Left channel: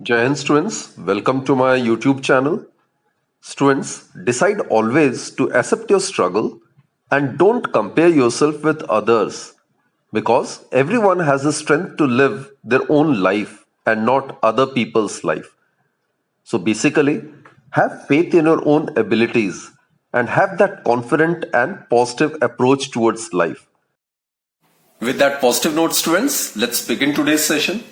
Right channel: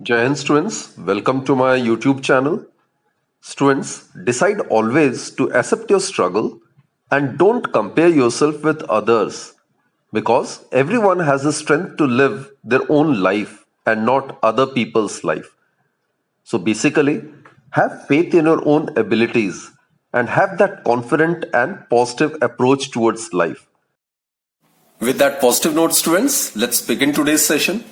Jai Hind students, welcome to my YouTube channel. Students, decide always to accept your struggle and don't compare yourself with others because everyone has the strength to live their own life and not other people's life. So basically, have faith in your own abilities and have that confident and positive approach towards life. With that positive note, students, let's begin today's session.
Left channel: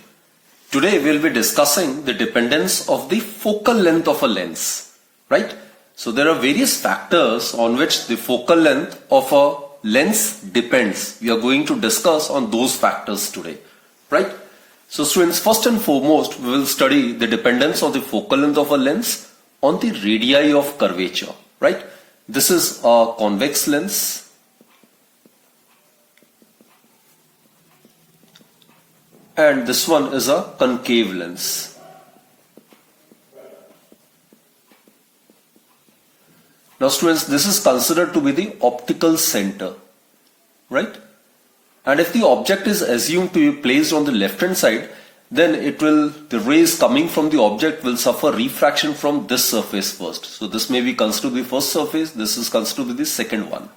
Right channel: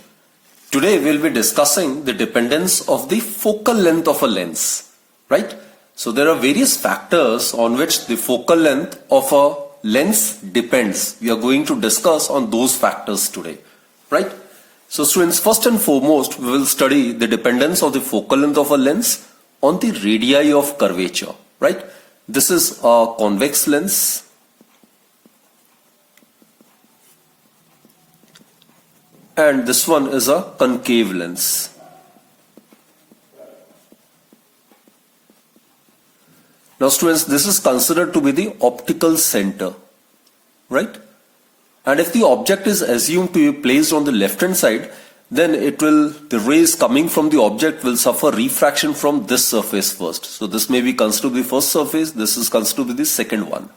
Today we'll be discussing the dependence of the focal length of a lens, right? So there are various factors on which the focal length of a lens depends. We are going to discuss on those factors today, right? So students, first and foremost, we will study the dependence of the focal length of a lens on the radii of curvature, right? This is a convex lens and this one is a concave lens. Now students, this is considered to be the optical center, right? And if the object is assumed to be placed on the left hand side, then the rays coming from the object will suffer refraction from this surface first. So this may be considered to be the first surface, this is considered to be the second one.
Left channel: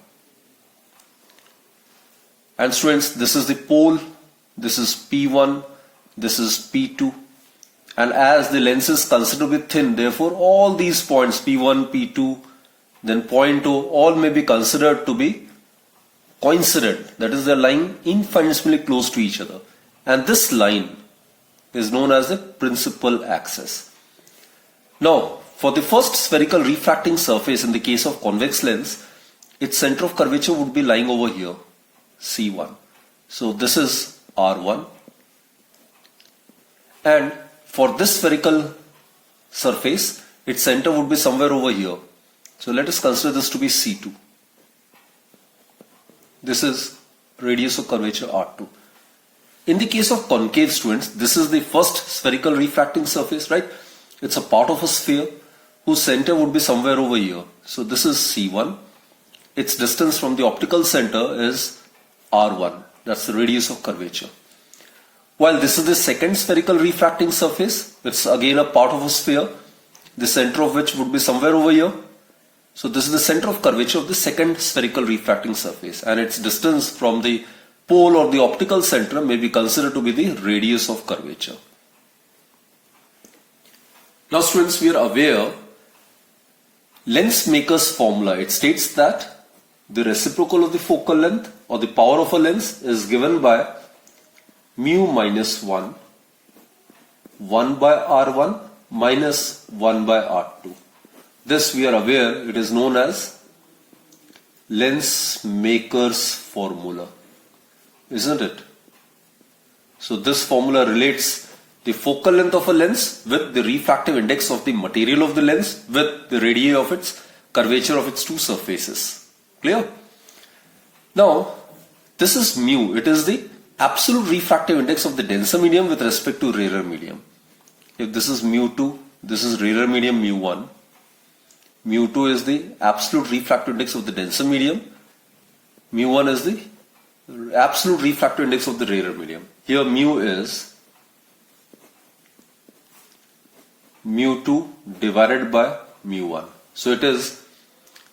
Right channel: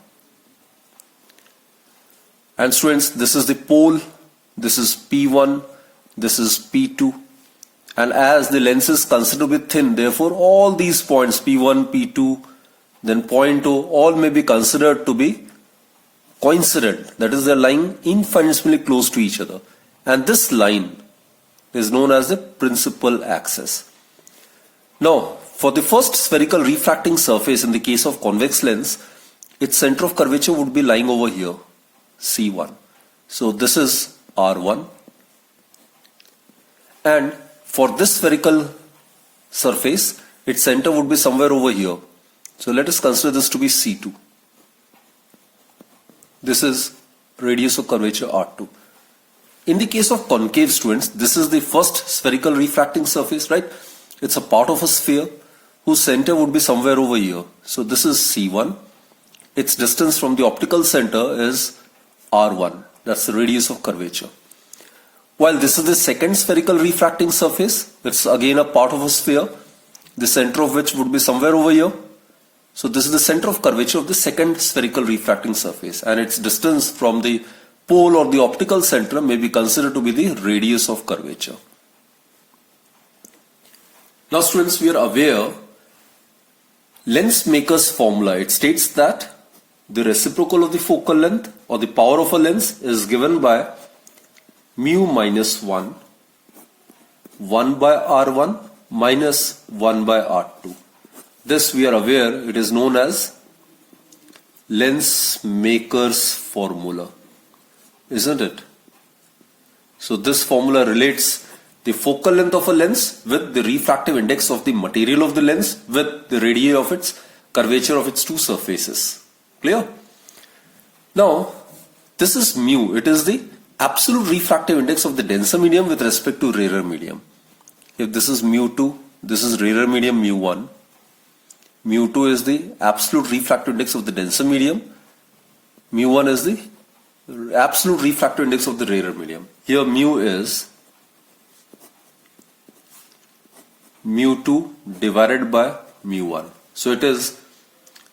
And students, this is the pole. This is P1, this is P2, and as the lens is considered to be thin, therefore all these points P1, P2, then point O, all may be considered to be coincident, that is, they are lying infinitesimally close to each other, and this line is known as the principal axis. Now, for the first spherical refracting surface in the case of convex lens, its center of curvature would be lying over here, C1. So this is R1, and for this spherical surface its center would be somewhere over here. So let us consider this to be C2. This is radius of curvature R2. In the case of concave, students, this is the first spherical refracting surface, right? It's a part of a sphere whose center would be somewhere over here. So this is C1. Its distance from the optical center is R1. That's the radius of curvature. While this is the second spherical refracting surface, it's again a part of a sphere, the center of which would be somewhere over here. So this is the center of curvature of the second spherical refracting surface, and its distance from the pole or the optical center may be considered to be the radius of curvature. Now students, we are aware lens maker's formula, it states that the reciprocal of the focal length or the power of a lens is given by mu minus 1 by R1 minus 1 by R2. This we are aware it is known as lens maker's formula, isn't it? So this formula relates the focal length of a lens with the refractive index of the material of the lens with the radii of its curvature of its two surfaces. Clear? Now, this is mu. It is the absolute refractive index of the denser medium with respect to rarer medium. If this is mu2, this is rarer medium mu1. Mu2 is the absolute refractive index of the denser medium. Mu1 is the absolute refractive index of the rarer medium. Here mu is mu2 divided by mu1. So it is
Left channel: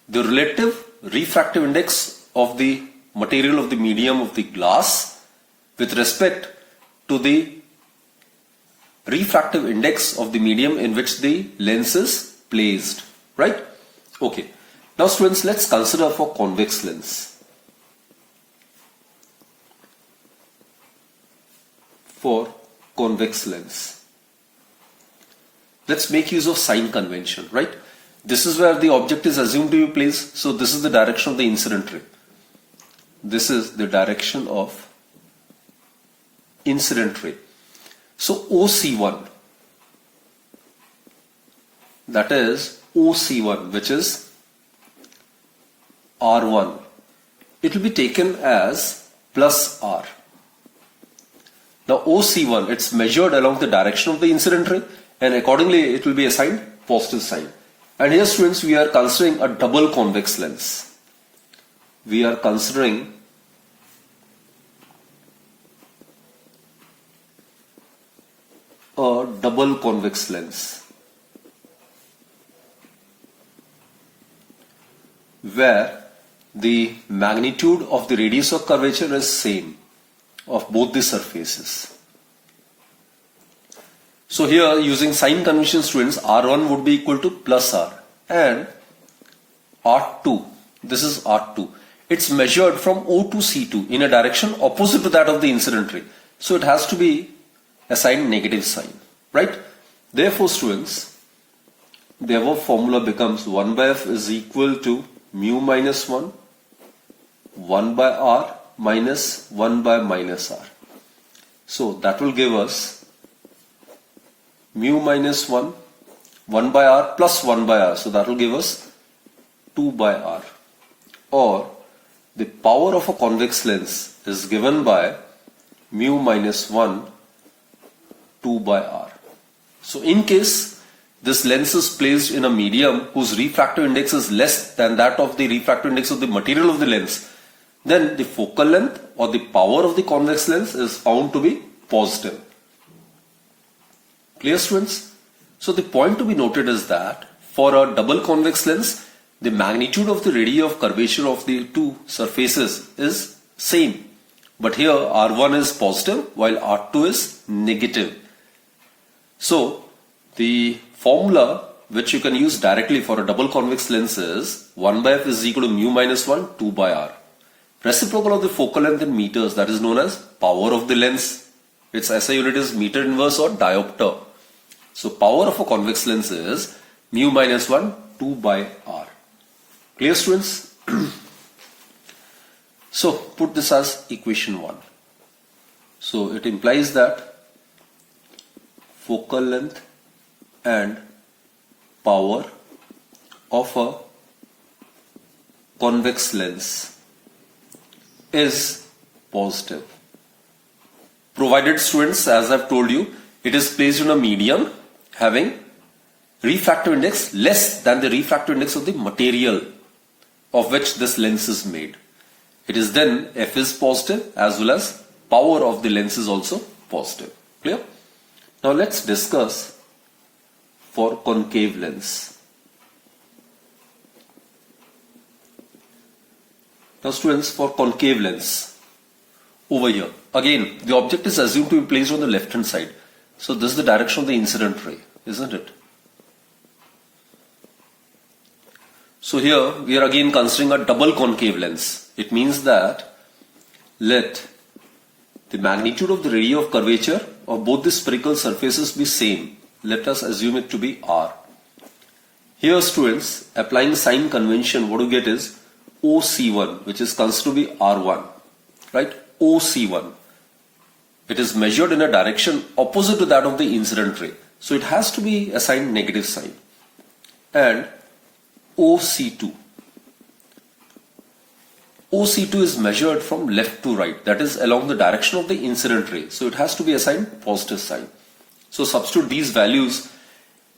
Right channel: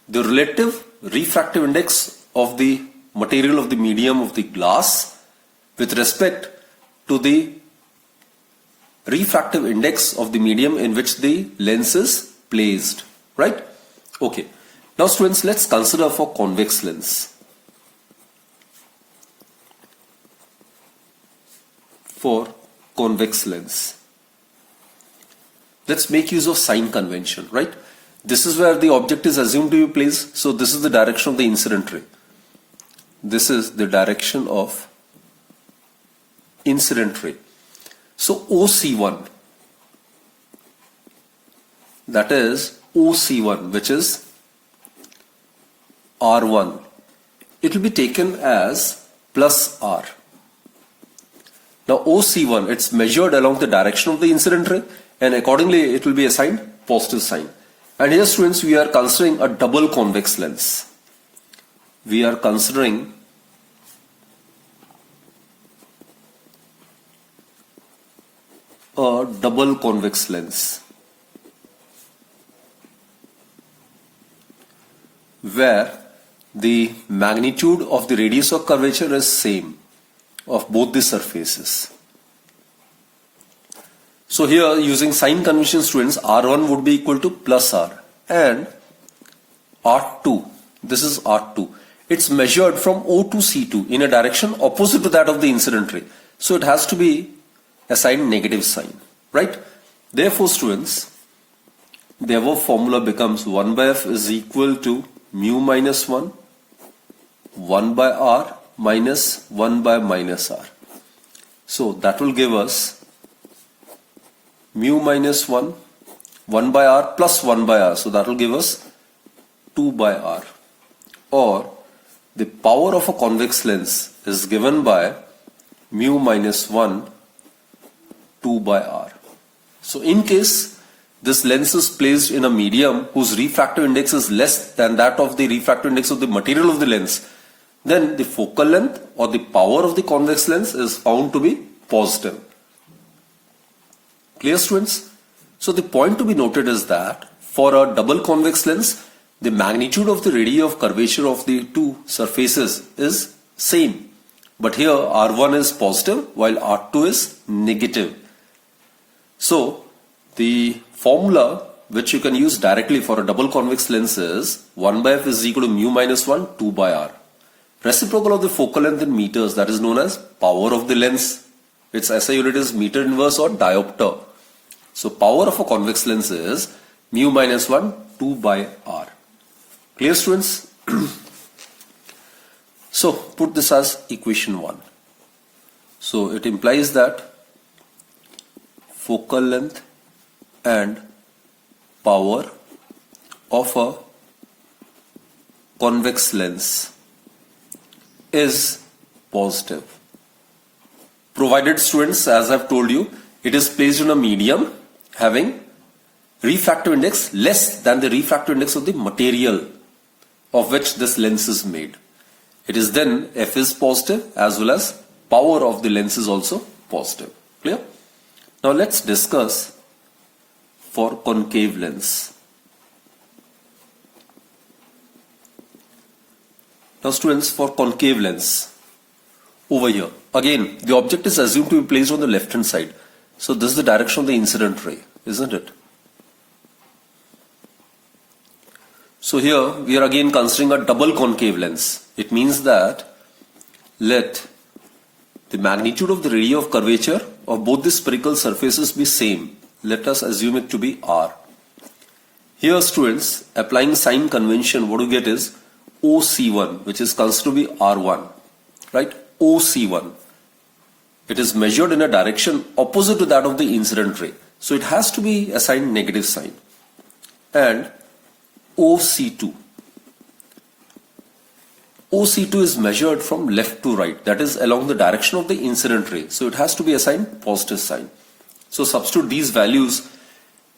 the relative refractive index of the material of the medium of the glass with respect to the refractive index of the medium in which the lens is placed, right? Okay. Now students, let's consider for convex lens. For convex lens, let's make use of sign convention, right? This is where the object is assumed to be placed. So this is the direction of the incident ray. This is the direction of incident ray. So OC1, that is OC1, which is R1, it will be taken as plus R. Now OC1, it's measured along the direction of the incident ray, and accordingly it will be assigned positive sign. And here students, we are considering a double convex lens. We are considering a double convex lens where the magnitude of the radius of curvature is same of both the surfaces. So here, using sign convention, students, R1 would be equal to plus R, and R2, this is R2. It's measured from O to C2 in a direction opposite to that of the incident ray. So it has to be assigned negative sign, right? Therefore, students, the above formula becomes 1 by F is equal to mu minus 1, 1 by R minus 1 by minus R. So that will give us mu minus 1, 1 by R plus 1 by R. So that will give us 2 by R. Or the power of a convex lens is given by mu minus 1, 2 by R. So in case this lens is placed in a medium whose refractive index is less than that of the refractive index of the material of the lens, then the focal length or the power of the convex lens is found to be positive. Clear, students? So the point to be noted is that for a double convex lens, the magnitude of the radii of curvature of the two surfaces is same. But here R1 is positive while R2 is negative. So the formula which you can use directly for a double convex lens is 1 by F is equal to mu minus 1, 2 by R. Reciprocal of the focal length in meters, that is known as power of the lens. Its SI unit is meter inverse or diopter. So power of a convex lens is mu minus 1, 2 by R. Clear, students? So put this as equation 1. So it implies that focal length and power of a convex lens is positive, provided, students, as I've told you, it is placed in a medium having refractive index less than the refractive index of the material of which this lens is made. It is then F is positive as well as power of the lens is also positive. Clear? Now let's discuss for concave lens. Now students, for concave lens, over here, again the object is assumed to be placed on the left hand side. So this is the direction of the incident ray, isn't it? So here we are again considering a double concave lens. It means that let the magnitude of the radii of curvature of both the spherical surfaces be same. Let us assume it to be R. Here, students, applying sign convention, what you get is OC1, which is considered to be R1, right? OC1. It is measured in a direction opposite to that of the incident ray. So it has to be assigned negative sign. And OC2. OC2 is measured from left to right, that is along the direction of the incident ray. So it has to be assigned positive sign. So substitute these values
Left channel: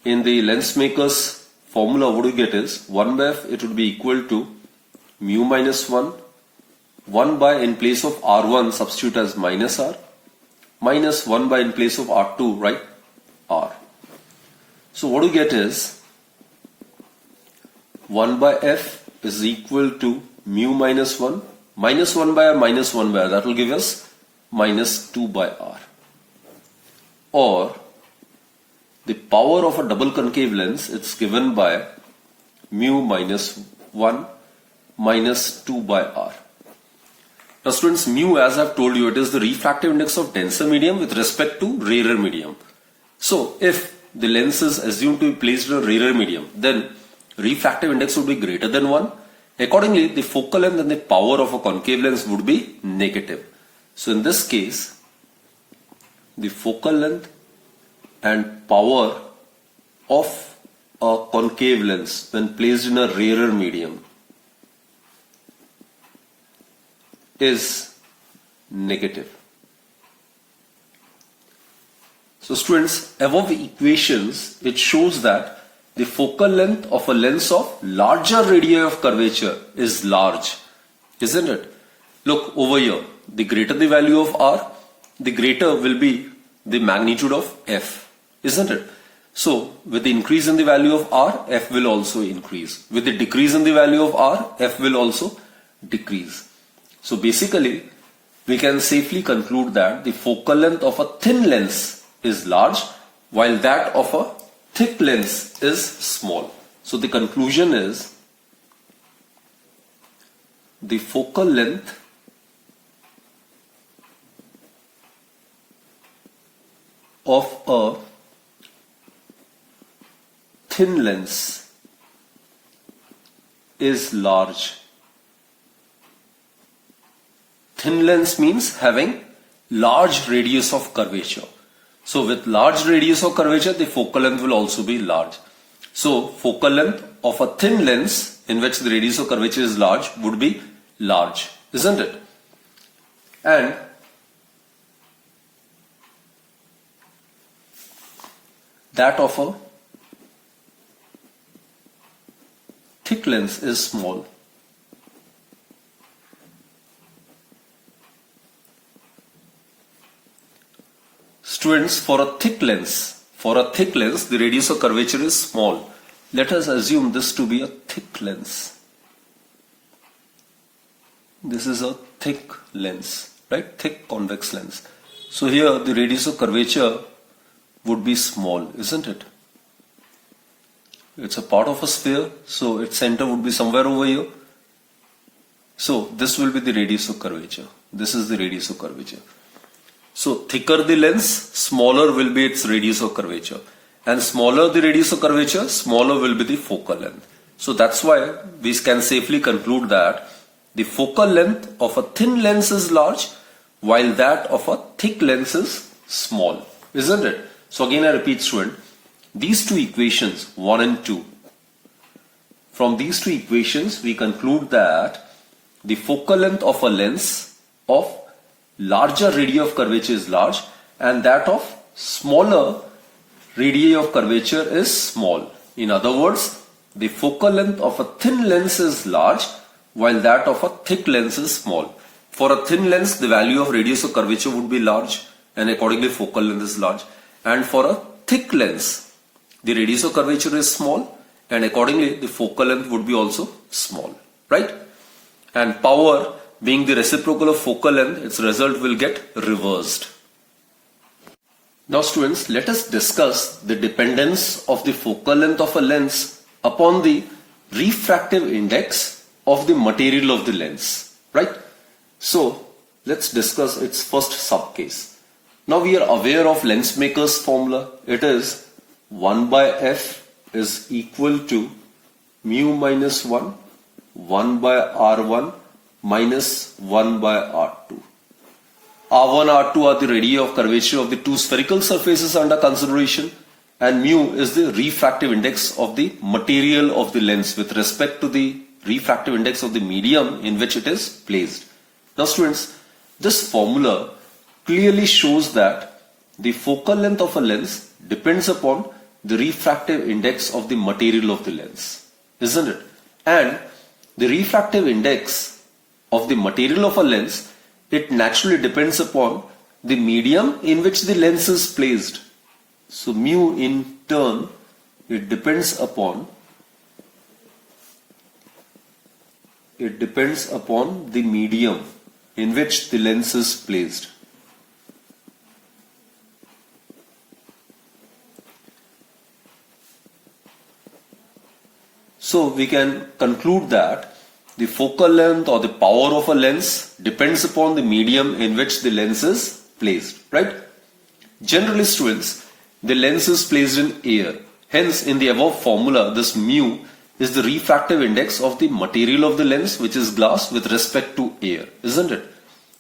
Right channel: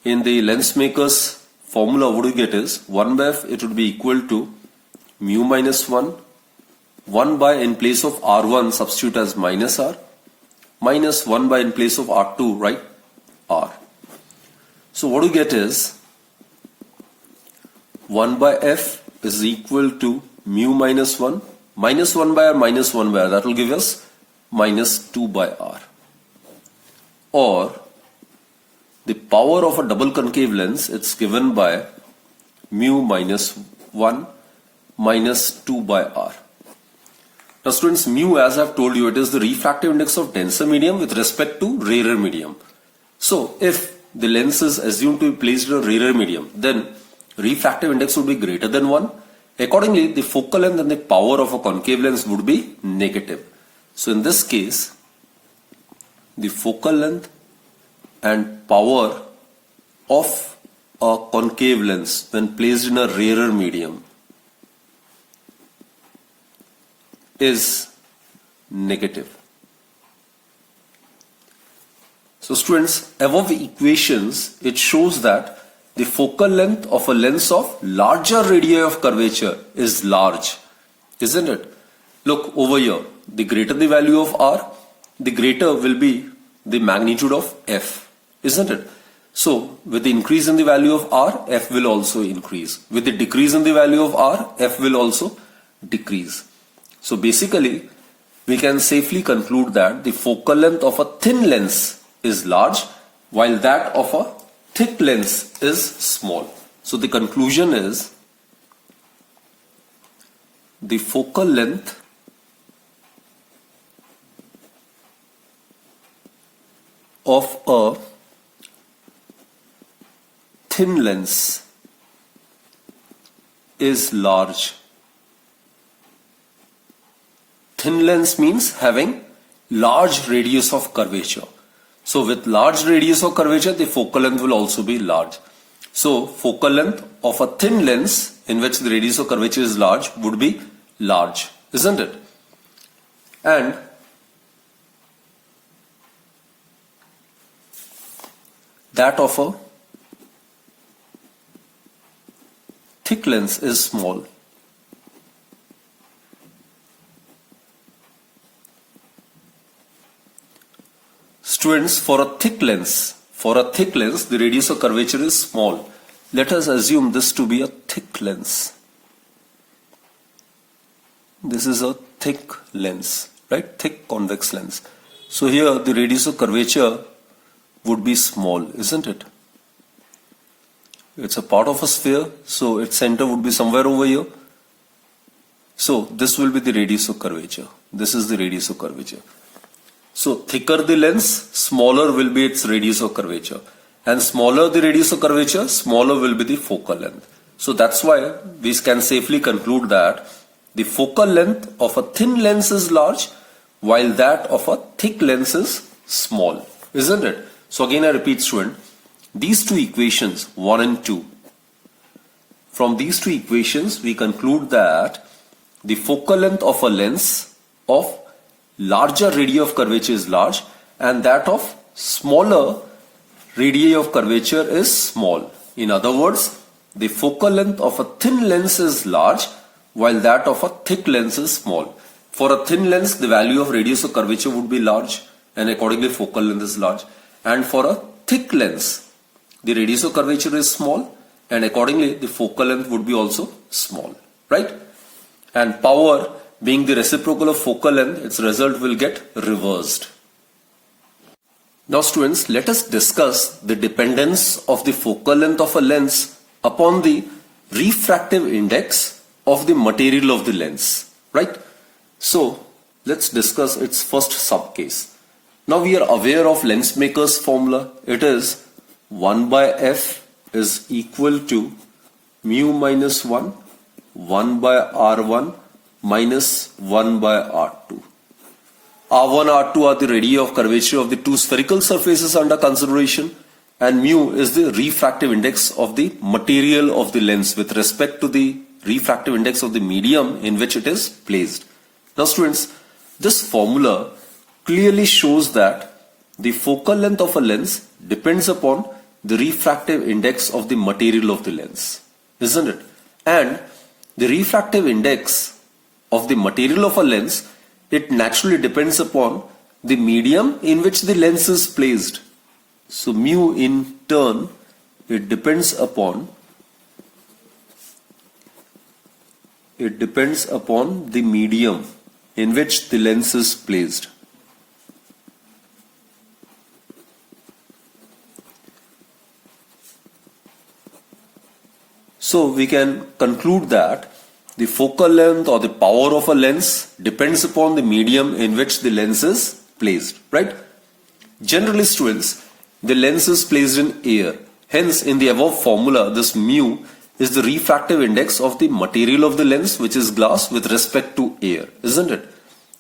in the lens maker's formula. What you get is 1 by F, it would be equal to mu minus 1, 1 by in place of R1 substitute as minus R, minus 1 by in place of R2, right? R. So what you get is 1 by F is equal to mu minus 1, minus 1 by R, minus 1 by R. That will give us minus 2 by R. Or the power of a double concave lens, it's given by mu minus 1 minus 2 by R. Now students, mu, as I've told you, it is the refractive index of denser medium with respect to rarer medium. So if the lens is assumed to be placed in a rarer medium, then refractive index would be greater than 1. Accordingly, the focal length and the power of a concave lens would be negative. So in this case, the focal length and power of a concave lens when placed in a rarer medium is negative. So students, above the equations, it shows that the focal length of a lens of larger radii of curvature is large, isn't it? Look over here, the greater the value of R, the greater will be the magnitude of F. isn't it? So with the increase in the value of r, f will also increase. With the decrease in the value of r, f will also decrease. So basically, we can safely conclude that the focal length of a thin lens is large, while that of a thick lens is small. So the conclusion is the focal length of a thin lens is large. Thin lens means having large radius of curvature. So with large radius of curvature, the focal length will also be large. So focal length of a thin lens in which the radius of curvature is large would be large, isn't it? And that of a thick lens is small. Students, for a thick lens, the radius of curvature is small. Let us assume this to be a thick lens. This is a thick lens, right? Thick convex lens. So here the radius of curvature would be small, isn't it? It's a part of a sphere, so its center would be somewhere over here. So this will be the radius of curvature. This is the radius of curvature. So thicker the lens, smaller will be its radius of curvature. And smaller the radius of curvature, smaller will be the focal length. So that's why we can safely conclude that the focal length of a thin lens is large, while that of a thick lens is small, isn't it? So again I repeat, student, these two equations, 1 and 2, from these two equations we conclude that the focal length of a lens of larger radii of curvature is large, and that of smaller radii of curvature is small. In other words, the focal length of a thin lens is large, while that of a thick lens is small. For a thin lens, the value of radius of curvature would be large, and accordingly focal length is large. And for a thick lens, the radius of curvature is small, and accordingly the focal length would be also small, right? And power being the reciprocal of focal length, its result will get reversed. Now students, let us discuss the dependence of the focal length of a lens upon the refractive index of the material of the lens, right? So let's discuss its first subcase. Now we are aware of lens maker's formula. It is 1 by f is equal to mu minus 1, 1 by r1 minus 1 by r2. R1, R2 are the radii of curvature of the two spherical surfaces under consideration, and mu is the refractive index of the material of the lens with respect to the refractive index of the medium in which it is placed. Now students, this formula clearly shows that the focal length of a lens depends upon the refractive index of the material of the lens, isn't it? And the refractive index of the material of a lens, it naturally depends upon the medium in which the lens is placed. So mu in turn, it depends upon the medium in which the lens is placed. So we can conclude that the focal length or the power of a lens depends upon the medium in which the lens is placed, right? Generally students, the lens is placed in air. Hence in the above formula, this mu is the refractive index of the material of the lens, which is glass, with respect to air, isn't it?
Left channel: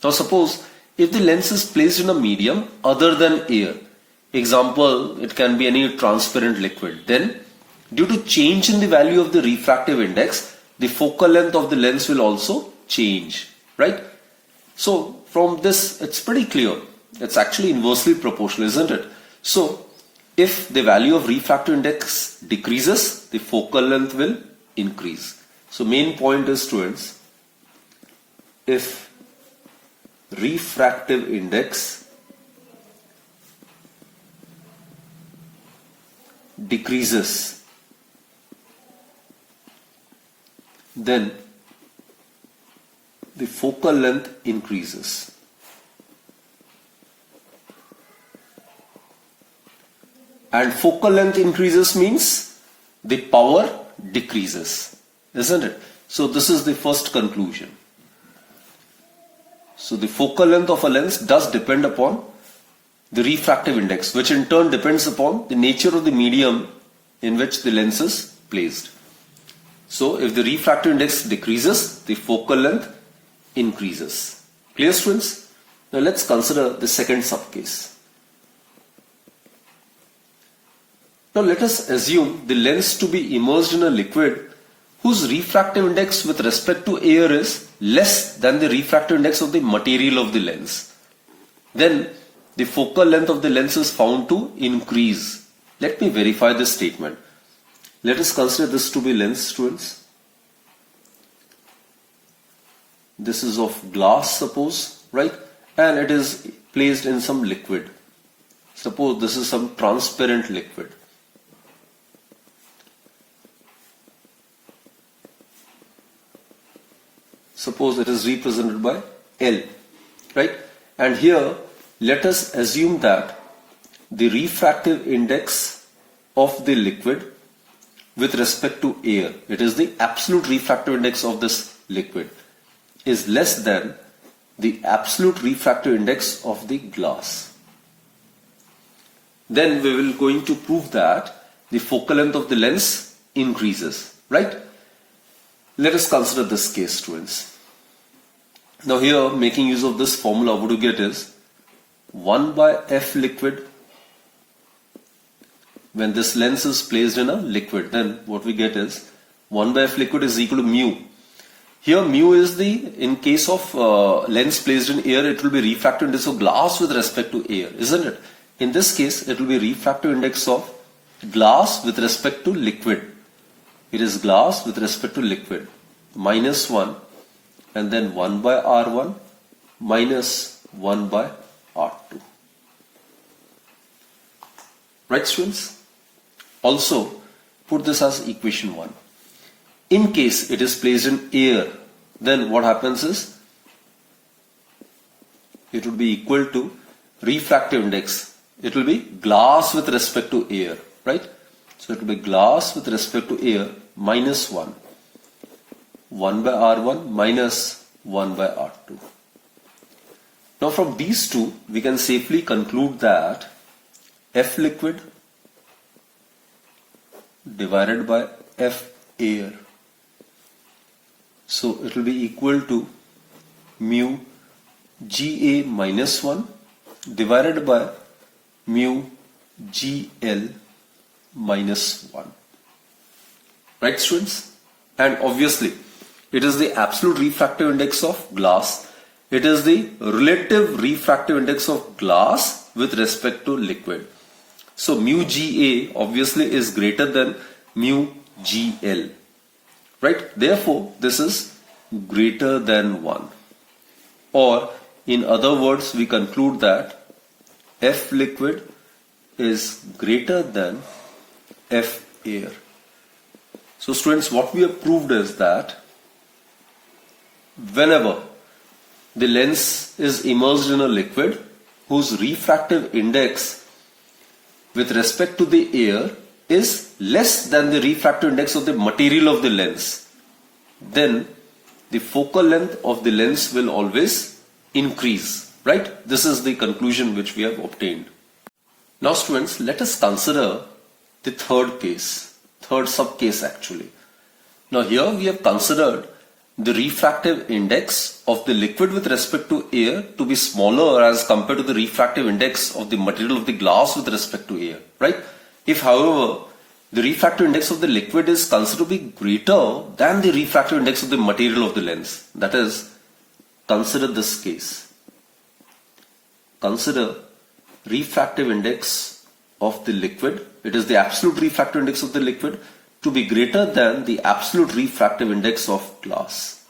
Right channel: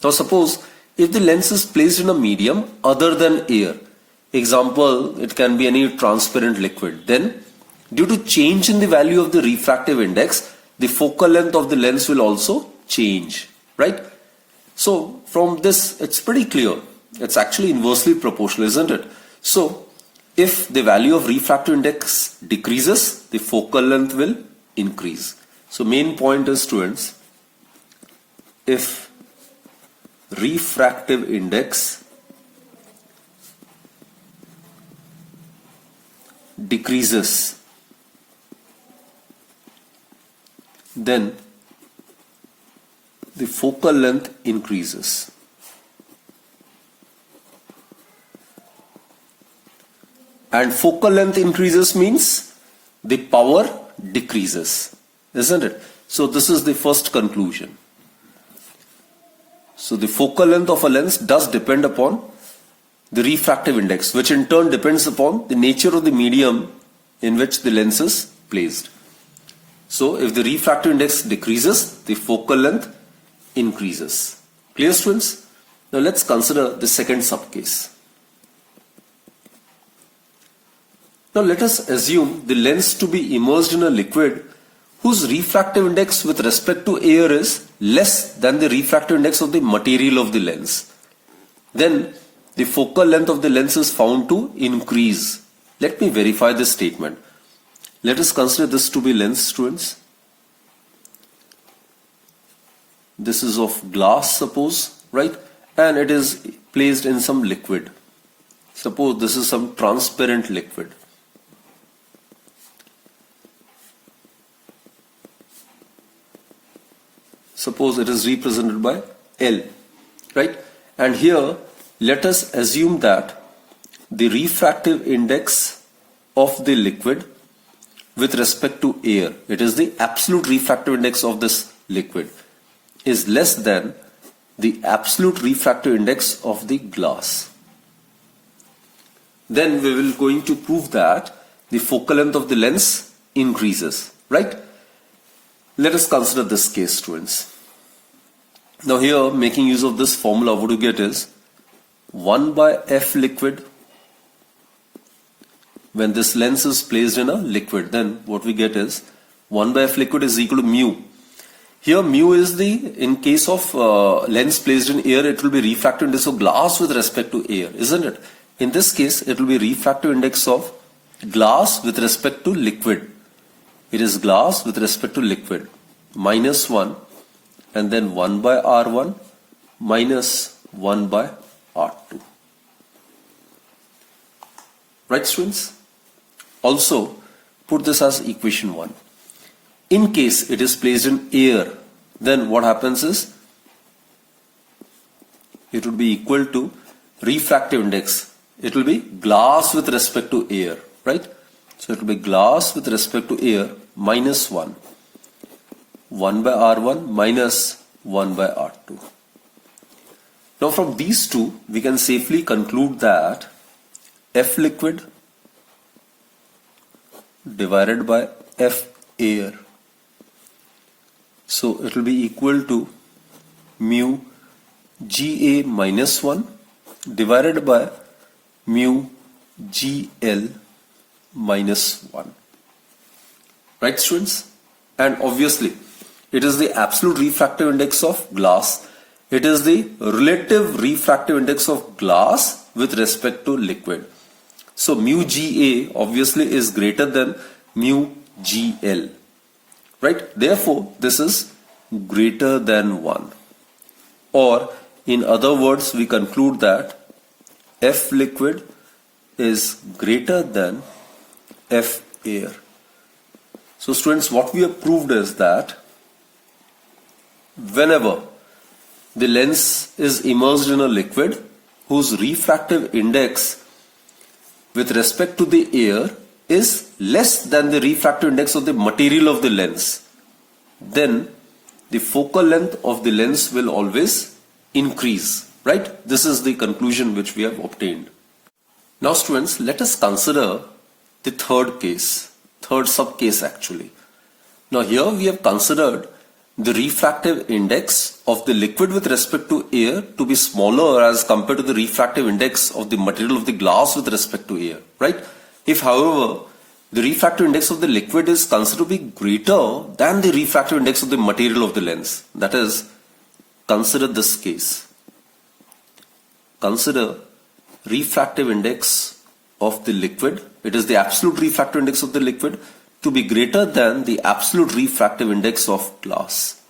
Now suppose if the lens is placed in a medium other than air, example, it can be any transparent liquid, then due to change in the value of the refractive index, the focal length of the lens will also change, right? So from this, it's pretty clear. It's actually inversely proportional, isn't it? So if the value of refractive index decreases, the focal length will increase. So main point is, students, if refractive index decreases, then the focal length increases. And focal length increases means the power decreases, isn't it? So this is the first conclusion. So the focal length of a lens does depend upon the refractive index, which in turn depends upon the nature of the medium in which the lens is placed. So if the refractive index decreases, the focal length increases. Clear, students? Now let's consider the second subcase. Now let us assume the lens to be immersed in a liquid whose refractive index with respect to air is less than the refractive index of the material of the lens. Then the focal length of the lens is found to increase. Let me verify this statement. Let us consider this to be lens, students. This is of glass, suppose, right? And it is placed in some liquid. Suppose this is some transparent liquid. Suppose it is represented by L, right? And here, let us assume that the refractive index of the liquid with respect to air, it is the absolute refractive index of this liquid, is less than the absolute refractive index of the glass. Then we will going to prove that the focal length of the lens increases, right? Let us consider this case, students. Now here, making use of this formula, what you get is 1 by F liquid. When this lens is placed in a liquid, then what we get is 1 by F liquid is equal to mu. Here mu is the, in case of lens placed in air, it will be refractive index of glass with respect to air, isn't it? In this case, it will be refractive index of glass with respect to liquid. It is glass with respect to liquid. Minus 1 and then 1 by R1 minus 1 by R2. Right, students? Also, put this as equation 1. In case it is placed in air, then what happens is it will be equal to refractive index. It will be glass with respect to air, right? So it will be glass with respect to air minus 1. 1 by R1 minus 1 by R2. Now from these two, we can safely conclude that F liquid divided by F air. So it will be equal to mu GA minus 1 divided by mu GL minus 1. Right, students? And obviously, it is the absolute refractive index of glass. It is the relative refractive index of glass with respect to liquid. So mu GA obviously is greater than mu GL. Right? Therefore, this is greater than 1. Or in other words, we conclude that F liquid is greater than F air. So students, what we have proved is that whenever the lens is immersed in a liquid whose refractive index with respect to the air is less than the refractive index of the material of the lens, then the focal length of the lens will always increase, right? This is the conclusion which we have obtained. Now students, let us consider the third case, third subcase actually. Now here we have considered the refractive index of the liquid with respect to air to be smaller as compared to the refractive index of the material of the glass with respect to air, right? If however, the refractive index of the liquid is considered to be greater than the refractive index of the material of the lens, that is, consider this case. Consider refractive index of the liquid, it is the absolute refractive index of the liquid, to be greater than the absolute refractive index of glass.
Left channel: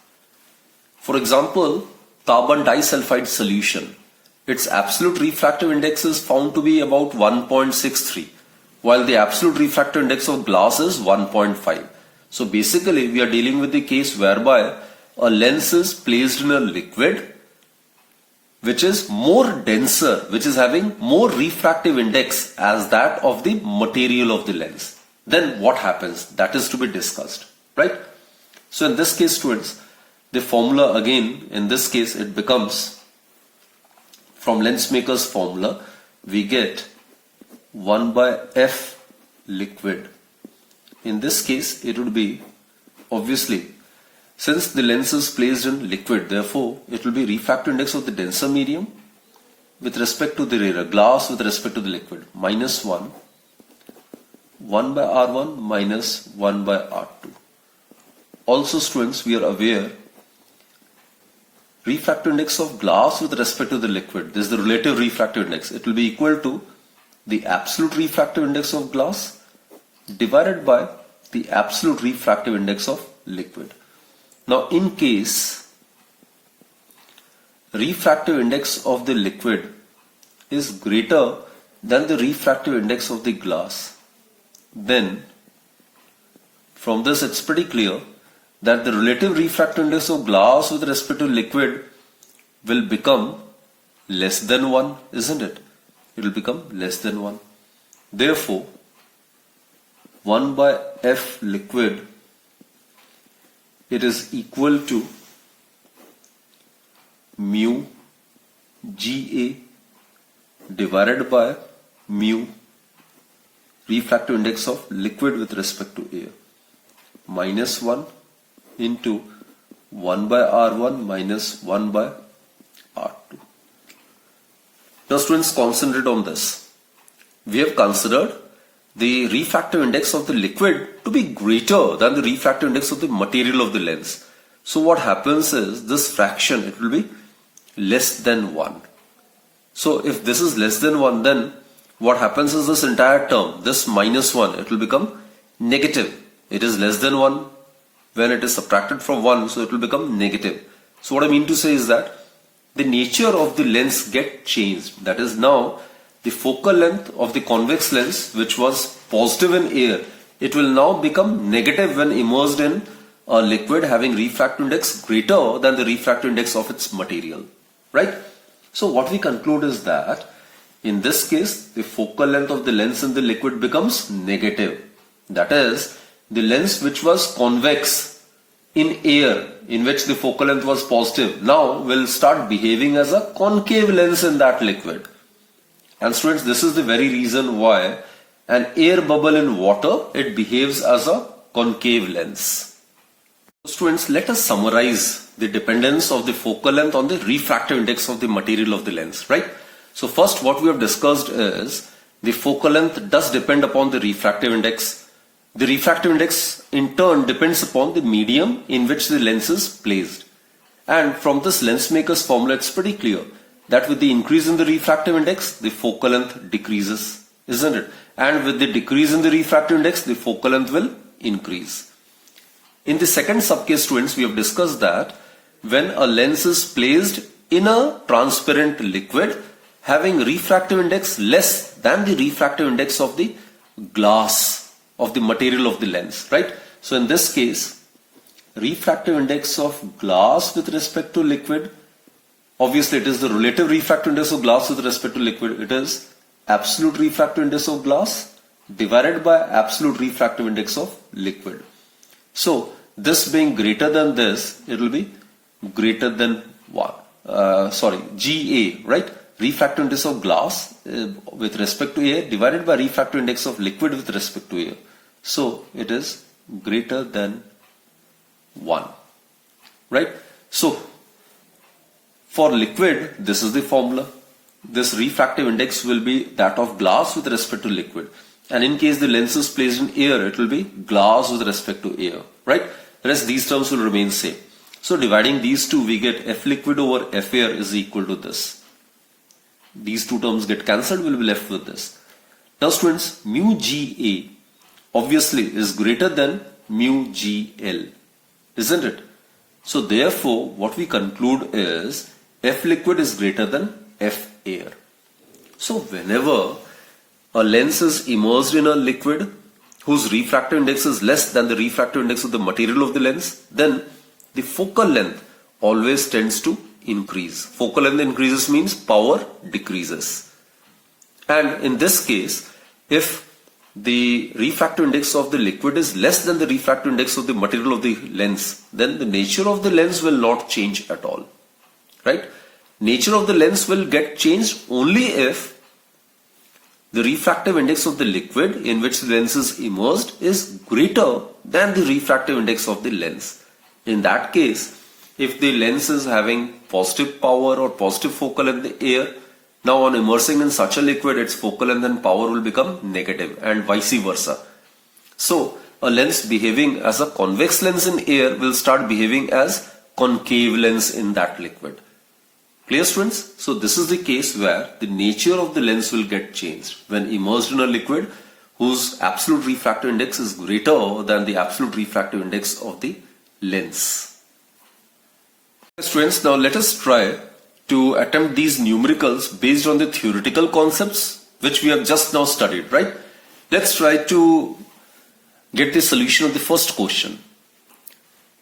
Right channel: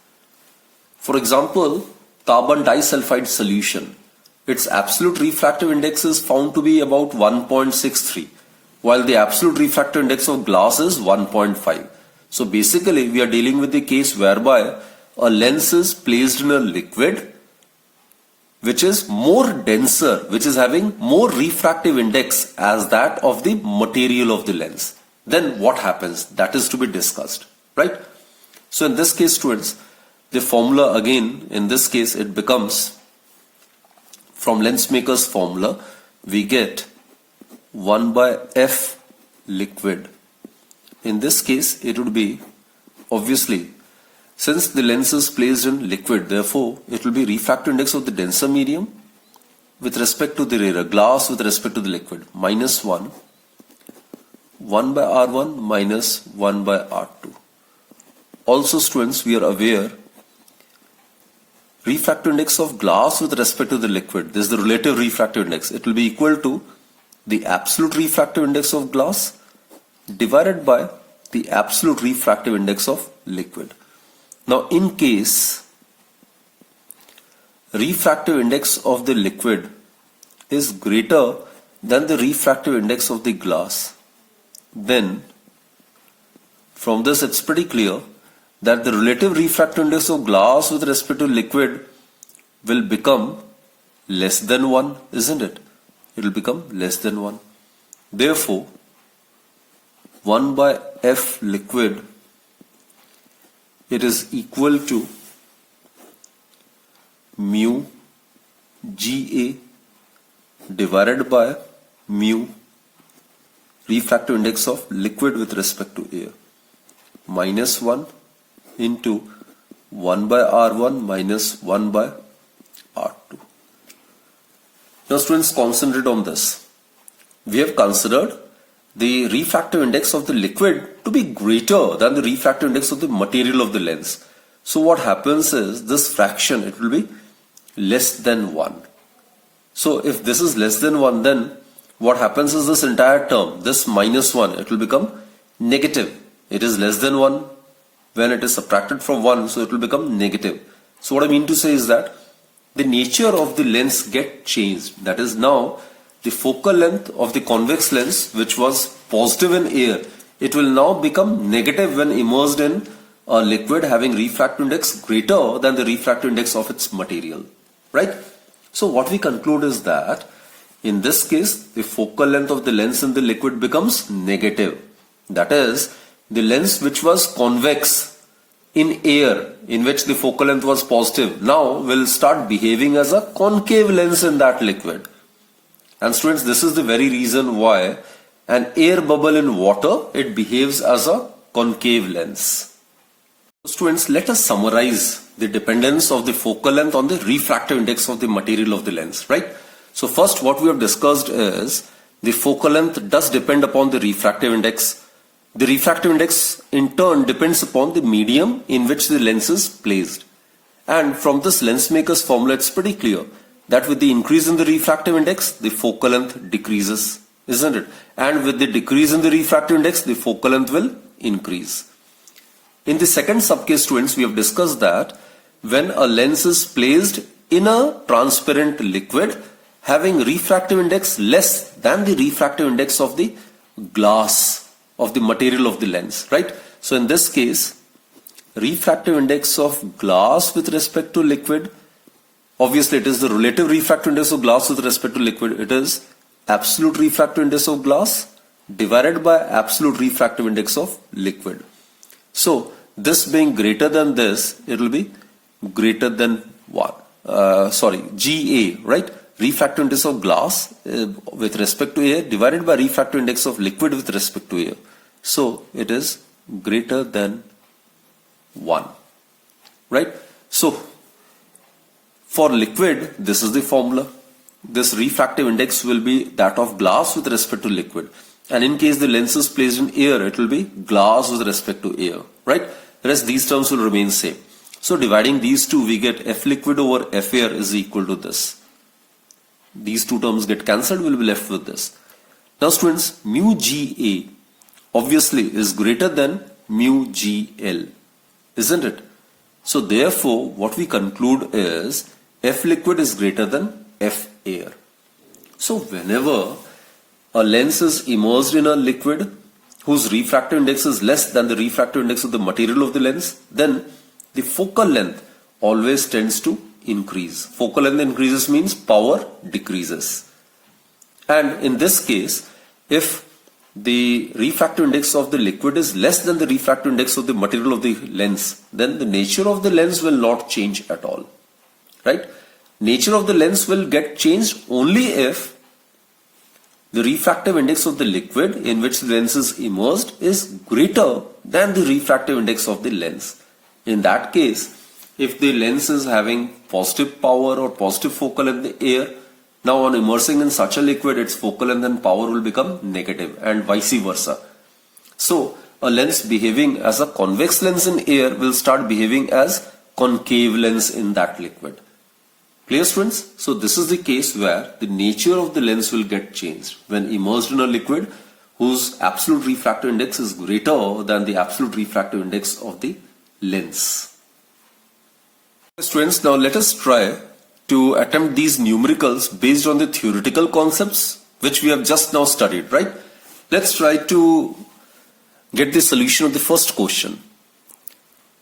For example, carbon disulfide solution, its absolute refractive index is found to be about 1.63. while the absolute refractive index of glass is 1.5. So basically we are dealing with the case whereby a lens is placed in a liquid which is more denser, which is having more refractive index as that of the material of the lens. Then what happens? That is to be discussed, right? So in this case, students, the formula again, in this case, it becomes, from lens maker's formula, we get 1 by F liquid. In this case, it would be, obviously, since the lens is placed in liquid, therefore, it will be refractive index of the denser medium with respect to the rarer, glass with respect to the liquid, minus 1, 1 by R1 minus 1 by R2. Also, students, we are aware, refractive index of glass with respect to the liquid, this is the relative refractive index, it will be equal to the absolute refractive index of glass divided by the absolute refractive index of liquid. Now, in case refractive index of the liquid is greater than the refractive index of the glass, then from this it's pretty clear that the relative refractive index of glass with respect to liquid will become less than 1, isn't it? It will become less than 1. Therefore, 1 by F liquid, it is equal to mu Ga divided by mu refractive index of liquid with respect to air, minus 1 into 1 by R1 minus 1 by R2. Now students, concentrate on this. We have considered the refractive index of the liquid to be greater than the refractive index of the material of the lens. So what happens is this fraction, it will be less than 1. So if this is less than 1, then what happens is this entire term, this minus 1, it will become negative. It is less than 1 when it is subtracted from 1, so it will become negative. So what I mean to say is that the nature of the lens get changed. That is, now the focal length of the convex lens, which was positive in air, it will now become negative when immersed in a liquid having refractive index greater than the refractive index of its material, right? So what we conclude is that in this case, the focal length of the lens in the liquid becomes negative. That is, the lens which was convex in air, in which the focal length was positive, now will start behaving as a concave lens in that liquid. And students, this is the very reason why an air bubble in water, it behaves as a concave lens. Students, let us summarize the dependence of the focal length on the refractive index of the material of the lens, right? So first, what we have discussed is the focal length does depend upon the refractive index. The refractive index in turn depends upon the medium in which the lens is placed. And from this lens maker's formula, it's pretty clear that with the increase in the refractive index, the focal length decreases, isn't it? And with the decrease in the refractive index, the focal length will increase. In the second subcase, students, we have discussed that when a lens is placed in a transparent liquid having refractive index less than the refractive index of the glass, of the material of the lens, right? So in this case, refractive index of glass with respect to liquid, obviously it is the relative refractive index of glass with respect to liquid. It is absolute refractive index of glass divided by absolute refractive index of liquid. So this being greater than this, it will be greater than 1. GA, right? Refractive index of glass with respect to air divided by refractive index of liquid with respect to air. So it is greater than 1, right? So for liquid, this is the formula. This refractive index will be that of glass with respect to liquid. And in case the lens is placed in air, it will be glass with respect to air, right? Rest these terms will remain same. So dividing these two, we get F liquid over F air is equal to this. These two terms get cancelled, we'll be left with this. Now students, mu Ga obviously is greater than mu Gl, isn't it? So therefore, what we conclude is F liquid is greater than F air. So whenever a lens is immersed in a liquid whose refractive index is less than the refractive index of the material of the lens, then the focal length always tends to increase. Focal length increases means power decreases. And in this case, if the refractive index of the liquid is less than the refractive index of the material of the lens, then the nature of the lens will not change at all. Right? Nature of the lens will get changed only if the refractive index of the liquid in which the lens is immersed is greater than the refractive index of the lens. In that case, if the lens is having positive power or positive focal length in the air, now on immersing in such a liquid, its focal length and power will become negative and vice versa. So, a lens behaving as a convex lens in air will start behaving as concave lens in that liquid. Clear, students? So this is the case where the nature of the lens will get changed when immersed in a liquid whose absolute refractive index is greater than the absolute refractive index of the lens. Students, now let us try to attempt these numericals based on the theoretical concepts which we have just now studied, right? Let's try to get the solution of the first question.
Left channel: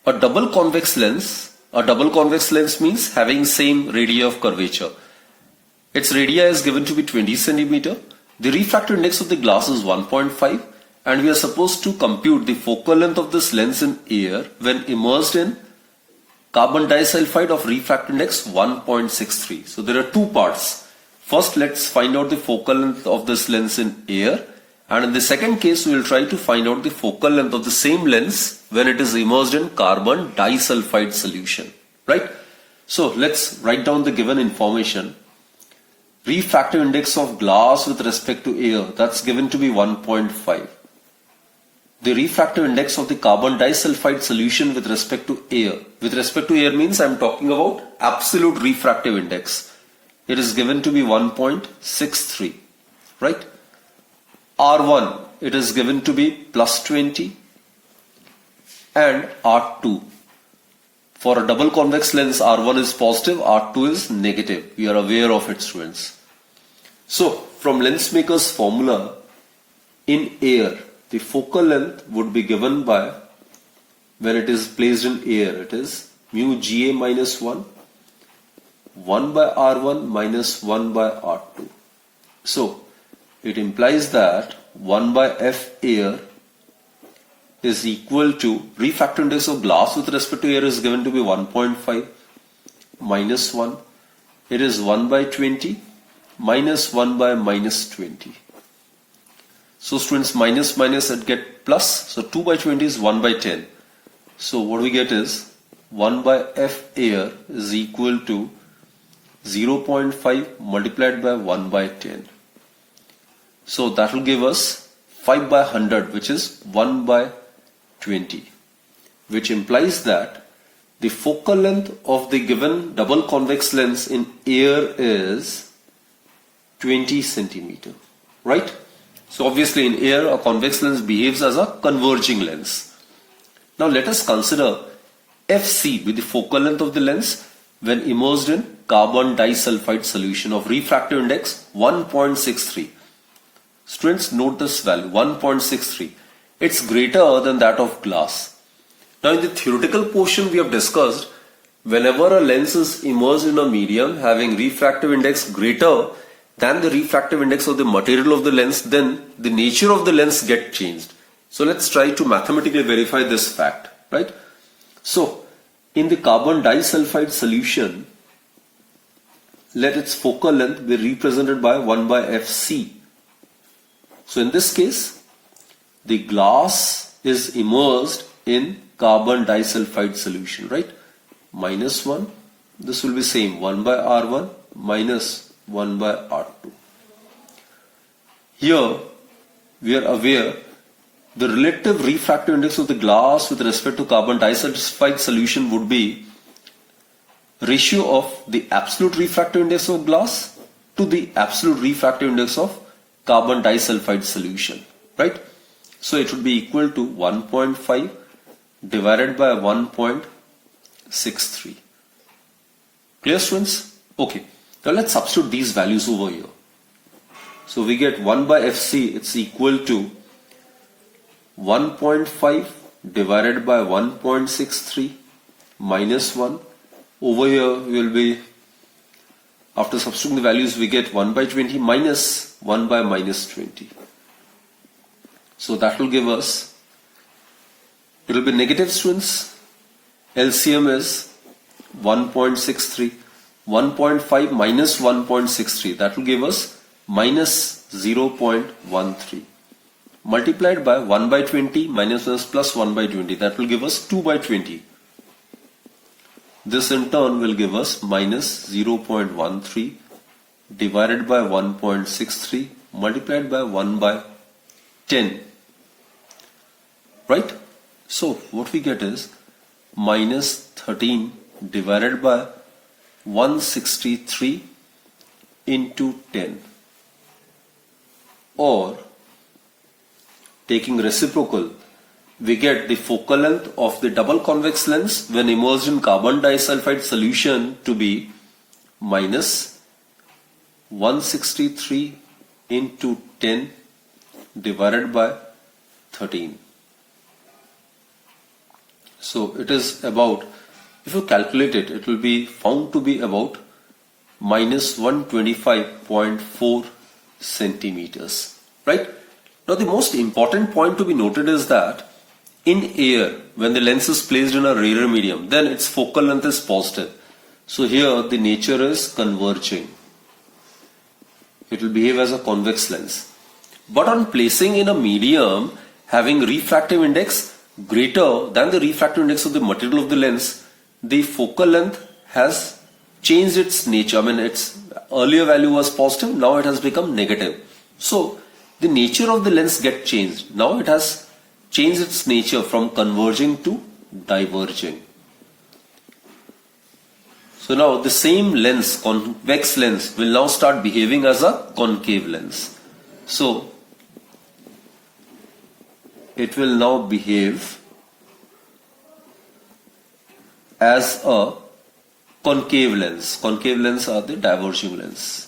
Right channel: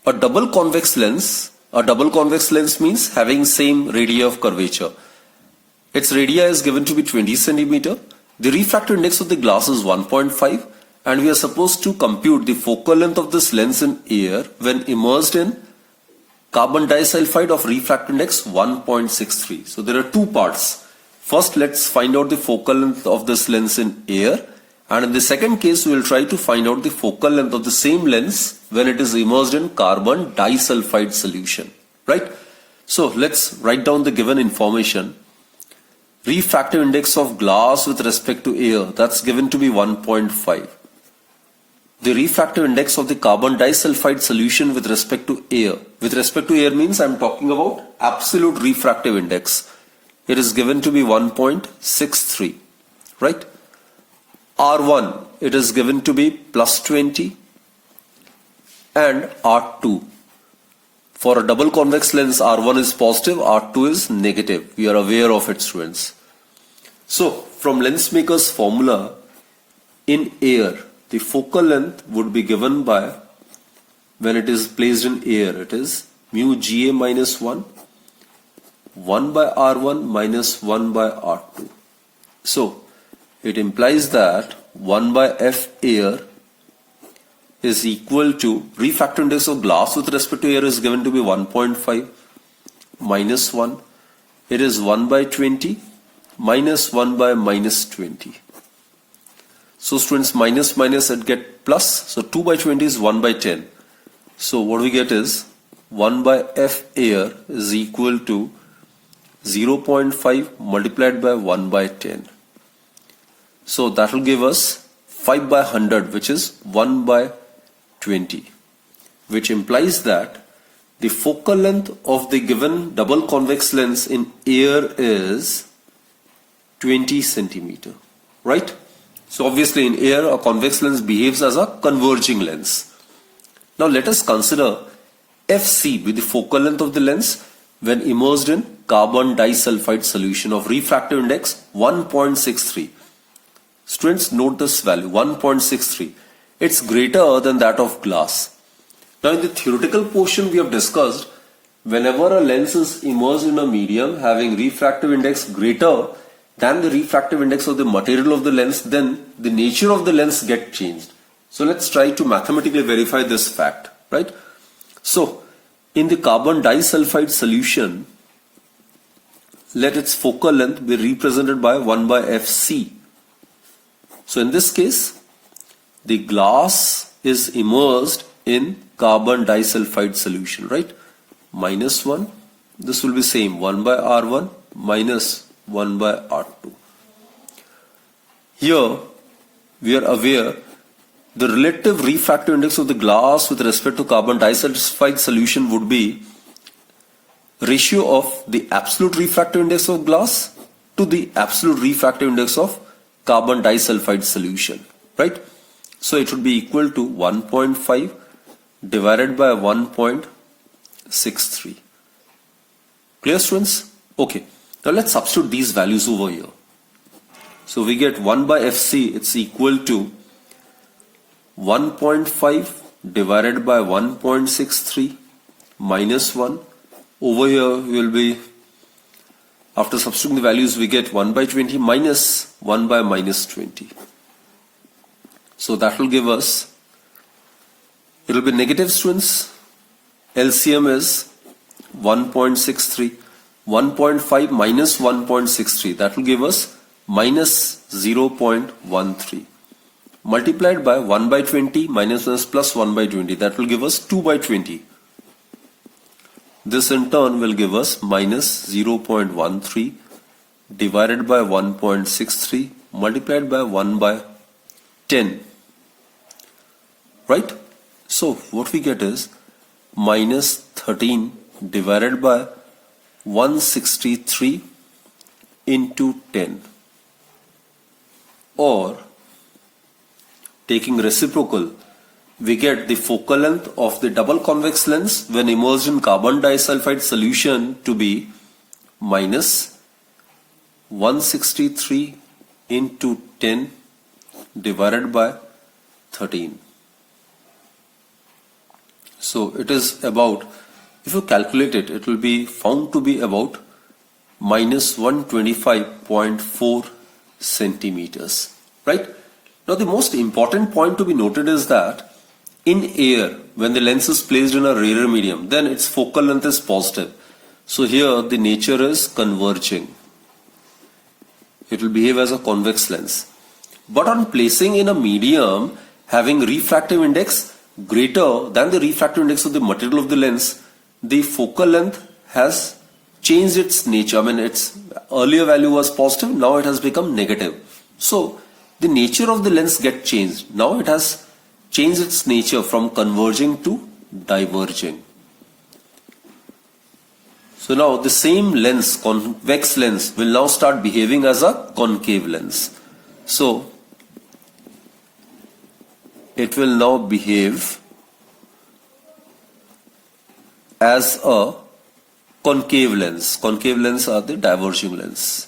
A double convex lens means having same radii of curvature. Its radii is given to be 20 centimeter. The refractive index of the glass is 1.5 and we are supposed to compute the focal length of this lens in air when immersed in carbon disulfide of refractive index 1.63. So there are two parts. First, let's find out the focal length of this lens in air, and in the second case we will try to find out the focal length of the same lens when it is immersed in carbon disulfide solution, right? So let's write down the given information. Refractive index of glass with respect to air, that's given to be 1.5. The refractive index of the carbon disulfide solution with respect to air. With respect to air means I'm talking about absolute refractive index. It is given to be 1.63, right? R1, it is given to be plus 20 and R2. For a double convex lens, R1 is positive, R2 is negative. We are aware of it, students. So, from lens maker's formula, in air, the focal length would be given by, when it is placed in air, it is mu Ga minus 1, 1 by R1 minus 1 by R2. So, it implies that 1 by F air is equal to, refractive index of glass with respect to air is given to be 1.5 minus 1. It is 1 by 20 minus 1 by minus 20. So students, minus it get plus. So 2 by 20 is 1 by 10. So what we get is 1 by F air is equal to 0.5 multiplied by 1 by 10. So that will give us 5 by 100, which is 1 by 20, which implies that the focal length of the given double convex lens in air is 20 centimeter, right? So obviously in air a convex lens behaves as a converging lens. Now let us consider FC be the focal length of the lens when immersed in carbon disulfide solution of refractive index 1.63. Students, note this value 1.63. It's greater than that of glass. Now in the theoretical portion we have discussed, whenever a lens is immersed in a medium having refractive index greater than the refractive index of the material of the lens, then the nature of the lens gets changed. So let's try to mathematically verify this fact, right? So in the carbon disulfide solution, let its focal length be represented by 1 by Fc. So in this case, the glass is immersed in carbon disulfide solution, right? Minus 1, this will be same, 1 by R1 minus 1 by R2. Here we are aware the relative refractive index of the glass with respect to carbon disulfide solution would be ratio of the absolute refractive index of glass to the absolute refractive index of carbon disulfide solution, right? So it would be equal to 1.5 divided by 1.63. Clear, students? Okay. Now let's substitute these values over here. So we get 1 by Fc, it's equal to 1.5 divided by 1.63 minus 1. Over here we will be, after substituting the values, we get 1 by 20 minus 1 by minus 20. So that will give us, it will be negative, students. LCM is 1.63. 1.5 minus 1.63, that will give us minus 0.13. Multiplied by 1 by 20 minus 1 plus 1 by 20, that will give us 2 by 20. This in turn will give us minus 0.13 divided by 1.63 multiplied by 1 by 10. Right? So what we get is minus 13 divided by 163 into 10, or taking reciprocal, we get the focal length of the double convex lens when immersed in carbon disulfide solution to be minus 163 into 10 divided by 13. So it is about, if you calculate it, it will be found to be about minus 125.4 centimeters. Right? Now the most important point to be noted is that in air, when the lens is placed in a rarer medium, then its focal length is positive. So here the nature is converging. It will behave as a convex lens. But on placing in a medium having refractive index greater than the refractive index of the material of the lens, the focal length has changed its nature. I mean, its earlier value was positive, now it has become negative. So the nature of the lens gets changed. Now it has changed its nature from converging to diverging. So now the same lens, convex lens, will now start behaving as a concave lens. So it will now behave as a concave lens. Concave lens are the diverging lens.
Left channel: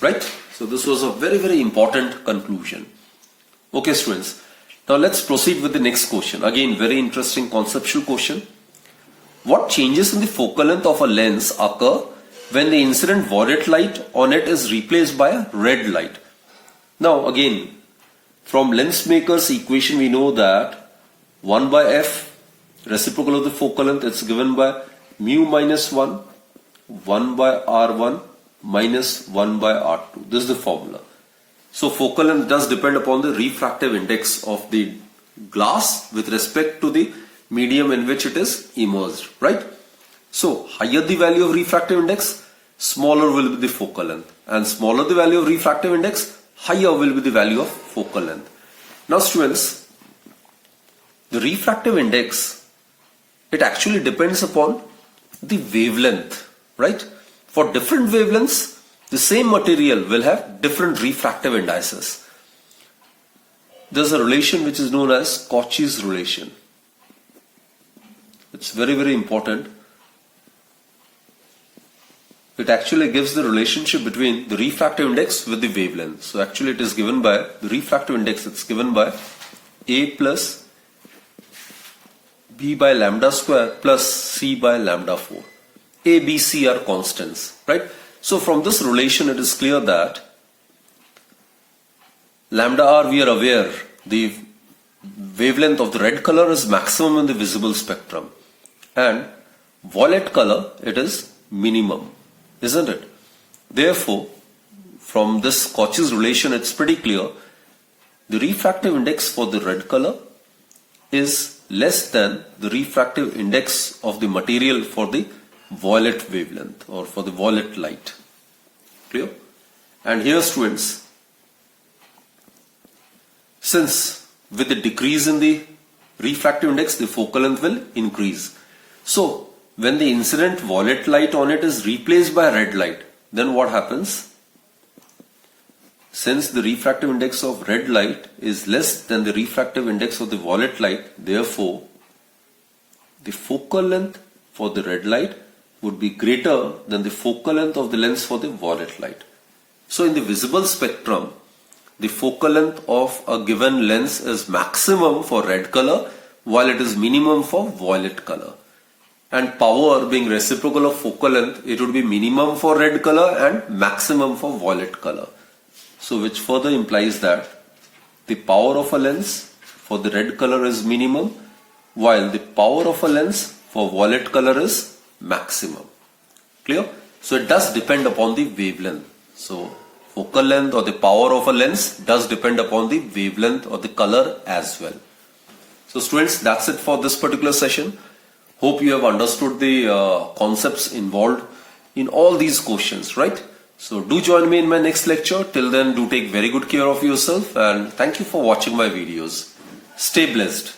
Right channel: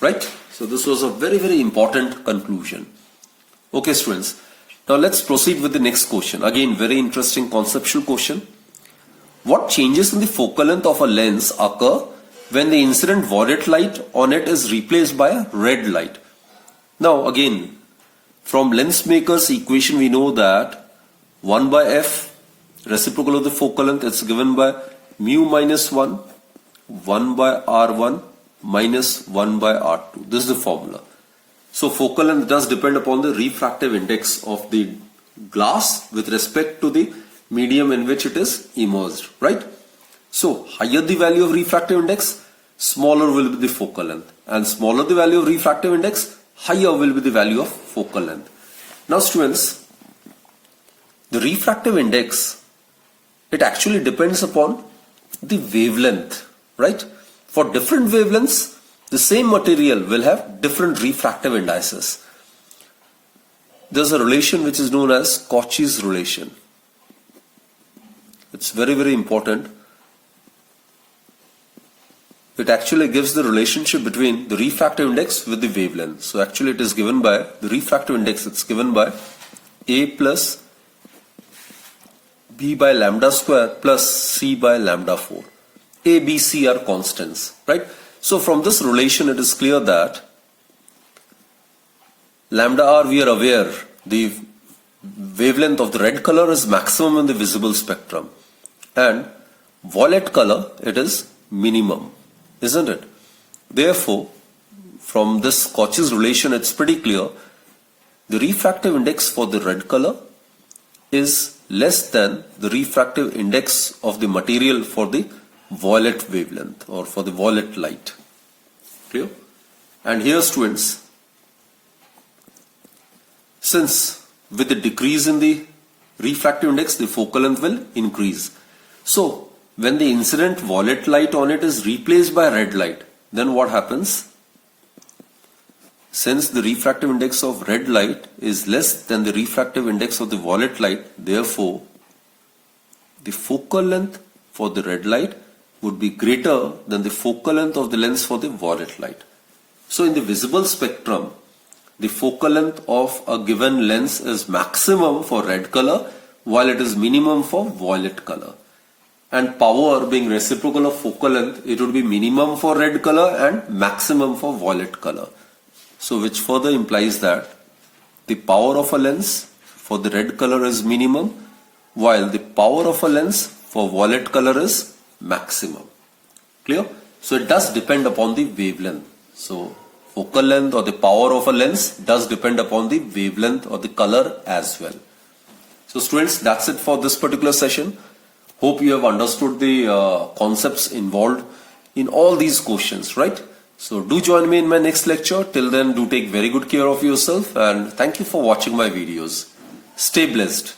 Right? So this was a very, very important conclusion. Okay, students. Now let's proceed with the next question. Again, very interesting conceptual question. What changes in the focal length of a lens occur when the incident violet light on it is replaced by a red light? Now again, from lens maker's equation we know that 1 by f, reciprocal of the focal length, it's given by mu minus 1, 1 by r1 minus 1 by r2. This is the formula. So focal length does depend upon the refractive index of the glass with respect to the medium in which it is immersed, right? So higher the value of refractive index, smaller will be the focal length, and smaller the value of refractive index, higher will be the value of focal length. Now students, the refractive index, it actually depends upon the wavelength, right? For different wavelengths, the same material will have different refractive indices. There's a relation which is known as Cauchy's relation. It's very, very important. It actually gives the relationship between the refractive index with the wavelength. So actually it is given by the refractive index, it's given by A plus B by lambda square plus C by lambda 4. A, B, C are constants, right? So from this relation it is clear that lambda r, we are aware the wavelength of the red color is maximum in the visible spectrum, and violet color it is minimum, isn't it? Therefore, from this Cauchy's relation it's pretty clear the refractive index for the red color is less than the refractive index of the material for the violet wavelength or for the violet light. Clear? And here students, since with the decrease in the refractive index the focal length will increase. So when the incident violet light on it is replaced by red light, then what happens? Since the refractive index of red light is less than the refractive index of the violet light, therefore the focal length for the red light would be greater than the focal length of the lens for the violet light. So in the visible spectrum, the focal length of a given lens is maximum for red color while it is minimum for violet color. And power being reciprocal of focal length, it would be minimum for red color and maximum for violet color. So which further implies that the power of a lens for the red color is minimum while the power of a lens for violet color is maximum. Clear? So it does depend upon the wavelength. So focal length or the power of a lens does depend upon the wavelength or the color as well. So students, that's it for this particular session. Hope you have understood the concepts involved in all these questions, right? So do join me in my next lecture. Till then, do take very good care of yourself and thank you for watching my videos. Stay blessed.